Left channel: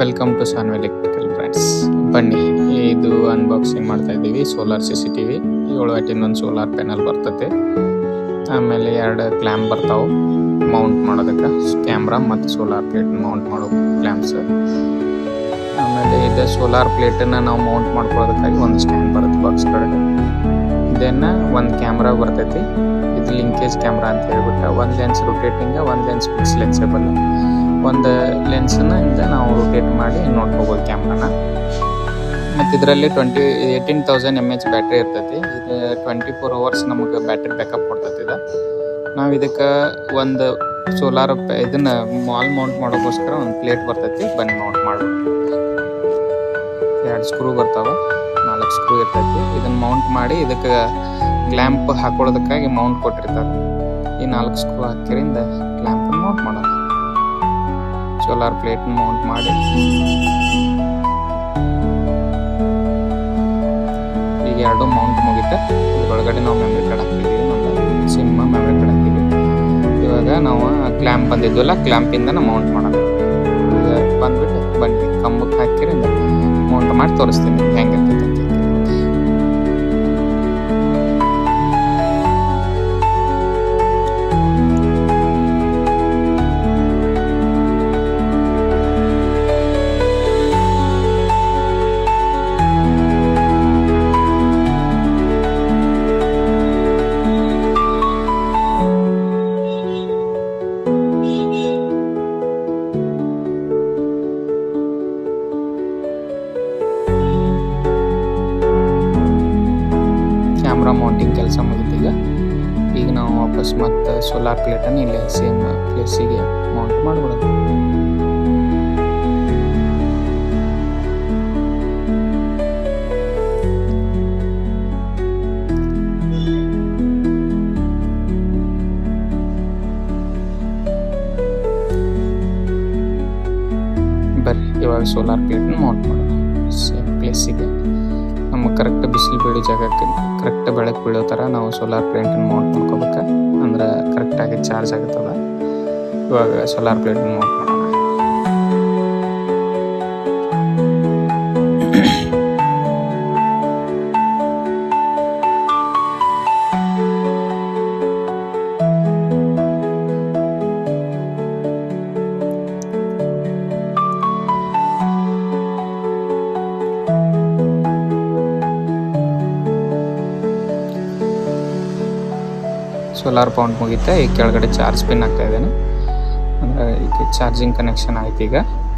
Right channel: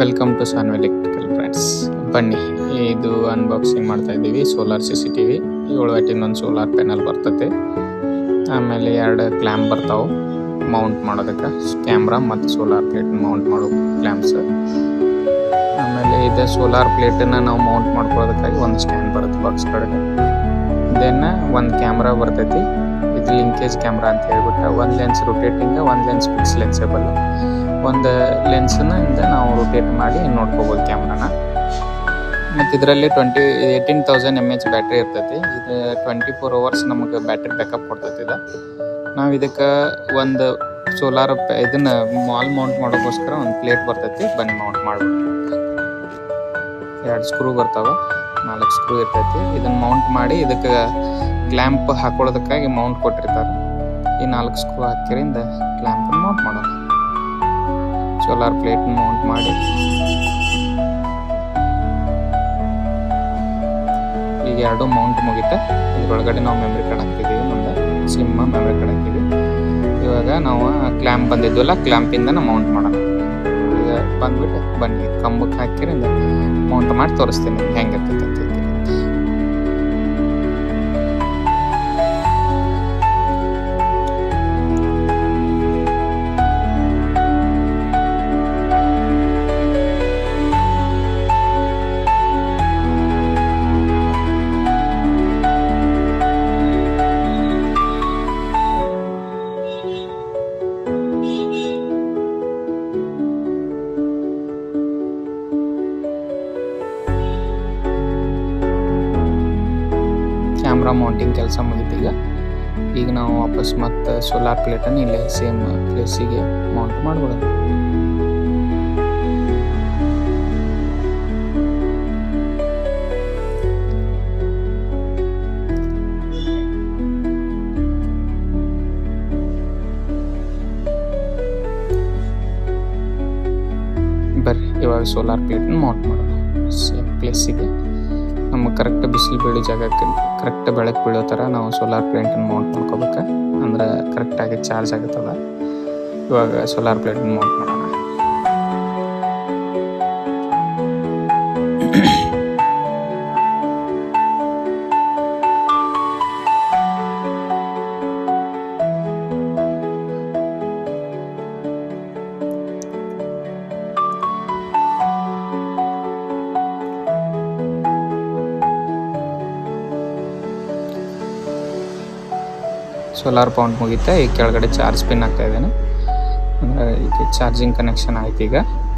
Welcome to Sanvi electrical friends. ಬನ್ನಿ, ಇದು unboxing ಮಾಡ್ತಾ ಇದ್ದೀವಿ. ಸೋಲಾರ್ CCTV 7 ವ್ಯಾಟಿಂದ ಒಂದು ಸೋಲಾರ್ ಪ್ಯಾನಲ್ ಬರ್ತೈತೆ. ಆಮೇಲೆ 2 ಕ್ಲ್ಯಾಂಪ್ ಬರ್ತಾವೆ ಮೌಂಟ್ ಮಾಡೋದಕ್ಕೆ, ಕ್ಯಾಮ್ರಾ ಮತ್ತು ಸೋಲಾರ್ ಪ್ಲೇಟನ್ನ ಮೌಂಟ್ ಮಾಡೋ ಕ್ಲ್ಯಾಂಪ್ಸ್. ಆಮೇಲೆ ಇದು ಸೋಲಾರ್ ಪ್ಲೇಟನ್ನು ನಾವು ಮೌಂಟ್ ಮಾಡ್ಕೊಳ್ಳೋದಕ್ಕಾಗಿ ಒಂದು ಸ್ಟ್ಯಾಂಡ್ ಬರುತ್ತೆ ಬಾಕ್ಸ್ ಕಡೆಗೆ. ದೆನ್ ಒಂದು ಕ್ಯಾಮ್ರಾ ಬರ್ತೈತಿ. ಇದು ಲಿಂಕೇಜ್ ಕ್ಯಾಮ್ರಾ ಅಂತ ಹೇಳ್ಬಿಟ್ಟು, ಒಂದು ಲೆನ್ಸ್ ರೊಟೇಟಿಂಗ್, ಒಂದು ಲೆನ್ಸ್ ಫಿಕ್ಸ್ ಲೆನ್ಸೇಬಲ್. ಒಂದು ಲೆನ್ಸನ್ನ ನಾವು ರೊಟೇಟ್ ಮಾಡಿ ನೋಡ್ಕೋಬೋದು ಕ್ಯಾಮ್ರಾನ. ಮತ್ತು ಇದರಲ್ಲಿ 18,000 mAh ಬ್ಯಾಟ್ರಿ ಇರ್ತೈತಿ. ಇದು 24 hours ನಮಗೆ ಬ್ಯಾಟ್ರಿ ಬ್ಯಾಕಪ್ ಕೊಡ್ತೈತಿ. ನಾವು ಇದಕ್ಕೆ ಒಂದು ಸೋಲಾರ್ ಇದನ್ನು ಮಾಲ್ ಮೌಂಟ್ ಮಾಡೋಕ್ಕೋಸ್ಕರ ಒಂದು ಪ್ಲೇಟ್ ಬರ್ತೈತಿ. ಬನ್ನಿ ಮೌಂಟ್ ಮಾಡ್ಬಿಟ್ಟು. 2 ಸ್ಕ್ರೂ ಬರ್ತಾವೆ, 4 ಸ್ಕ್ರೂ ಇರ್ತೈತಿ. ಇದನ್ನು ಮೌಂಟ್ ಮಾಡಿ ಇದಕ್ಕೆ ಕ್ಲ್ಯಾಂಪ್ ಹಾಕೊಳ್ಳೋದಕ್ಕಾಗಿ ಮೌಂಟ್ ಕೊಟ್ಟಿರ್ತಾರೆ. ಈ 4 ಸ್ಕ್ರೂ ಹಾಕಿರಿಂದ ಕ್ಲ್ಯಾಂಪನ್ನು ಮೌಂಟ್ ಮಾಡೋಣ. ಸೋಲಾರ್ ಪ್ಲೇಟನ್ನು ಮೌಂಟ್ ಮಾಡಿ ಈಗ 2 ಮೌಂಟ್ ಮುಗಿತ. ಇದ್ರೊಳಗಡೆ ನಾವು ಮೆಮ್ರಿ ಕಾರ್ಡ್ ಹಾಕ್ತಿದ್ದೀವಿ. ಒಂದು ಸಿಮ್ ಮೆಮ್ರಿ ಕಾರ್ಡ್ ಹಾಕಿದ್ವಿ. ಇವಾಗ ನಾವು ಕ್ಲ್ಯಾಂಪ್ ಬಂದಿದ್ವಲ್ಲ, ಕ್ಲ್ಯಾಂಪಿಂದ ಮೌಂಟ್ ಮಾಡೋಣ. ಈಗ ಬಂದ್ಬಿಟ್ಟು ಬನ್ನಿ ಕಂಬಕ್ಕೆ ಹಾಕಿರಿಂದ ಮೌಂಟ್ ಮಾಡಿ ತೋರಿಸ್ತೀನಿ ನಿಮ್ಗೆ ಹೆಂಗಿರ್ತೈತೆ ಅಂತ ಹೇಳಿ. ಕ್ಯಾಮ್ರಾ ಮೌಂಟಿಂಗ್ ಕೆಲಸ ಮುಗಿದೀಗ. ಈಗ ನಾವು ವಾಪಸ್ ಮತ್ತು ಸೋಲಾರ್ ಪ್ಲೇಟನ್ನು ಇಲ್ಲೇ ಸೇಮ್ ಪ್ಲೇಸಿಗೆ ಮೌಂಟ್ ಮಾಡಿಬಿಡೋದು. ಬರ್ರಿ ಇವಾಗ ಸೋಲಾರ್ ಪ್ಲೇಟನ್ನು ಮೌಂಟ್ ಮಾಡೋಣ ಸೇಮ್ ಪ್ಲೇಸಿಗೆ. ನಮಗೆ ಕರೆಕ್ಟ್ ಬಿಸಿಲು ಬೀಳೋ ಜಾಗಕ್ಕೆ ಕರೆಕ್ಟ್ ಬೆಳಕು ಬೀಳೋ ಥರ ನಾವು ಸೋಲಾರ್ ಪ್ಲೇಟನ್ನು ಮೌಂಟ್ ಮಾಡ್ಕೋಬೇಕು. ಅಂದ್ರೆ ಕರೆಕ್ಟಾಗಿ ಚಾರ್ಜ್ ಆಗುತ್ತದ. ಇವಾಗ ಸೋಲಾರ್ ಪ್ಲೇಟನ್ನು ಮೌಂಟ್ ಮಾಡೋಣ. ಸೋಲಾರ್ ಪೌಂಟ್ ಮುಗಿತಾ. ಈಗ ಕೆಳಗಡೆ ಚಾರ್ಜ್ ಪಿನ್ ಹಾಕ್ತಾ ಇದ್ದೇನೆ. ಅಂದರೆ ಈಗ ಚಾರ್ಜಿಂಗ್ ಕನೆಕ್ಷನ್ ಆಯ್ತು. ಈಗ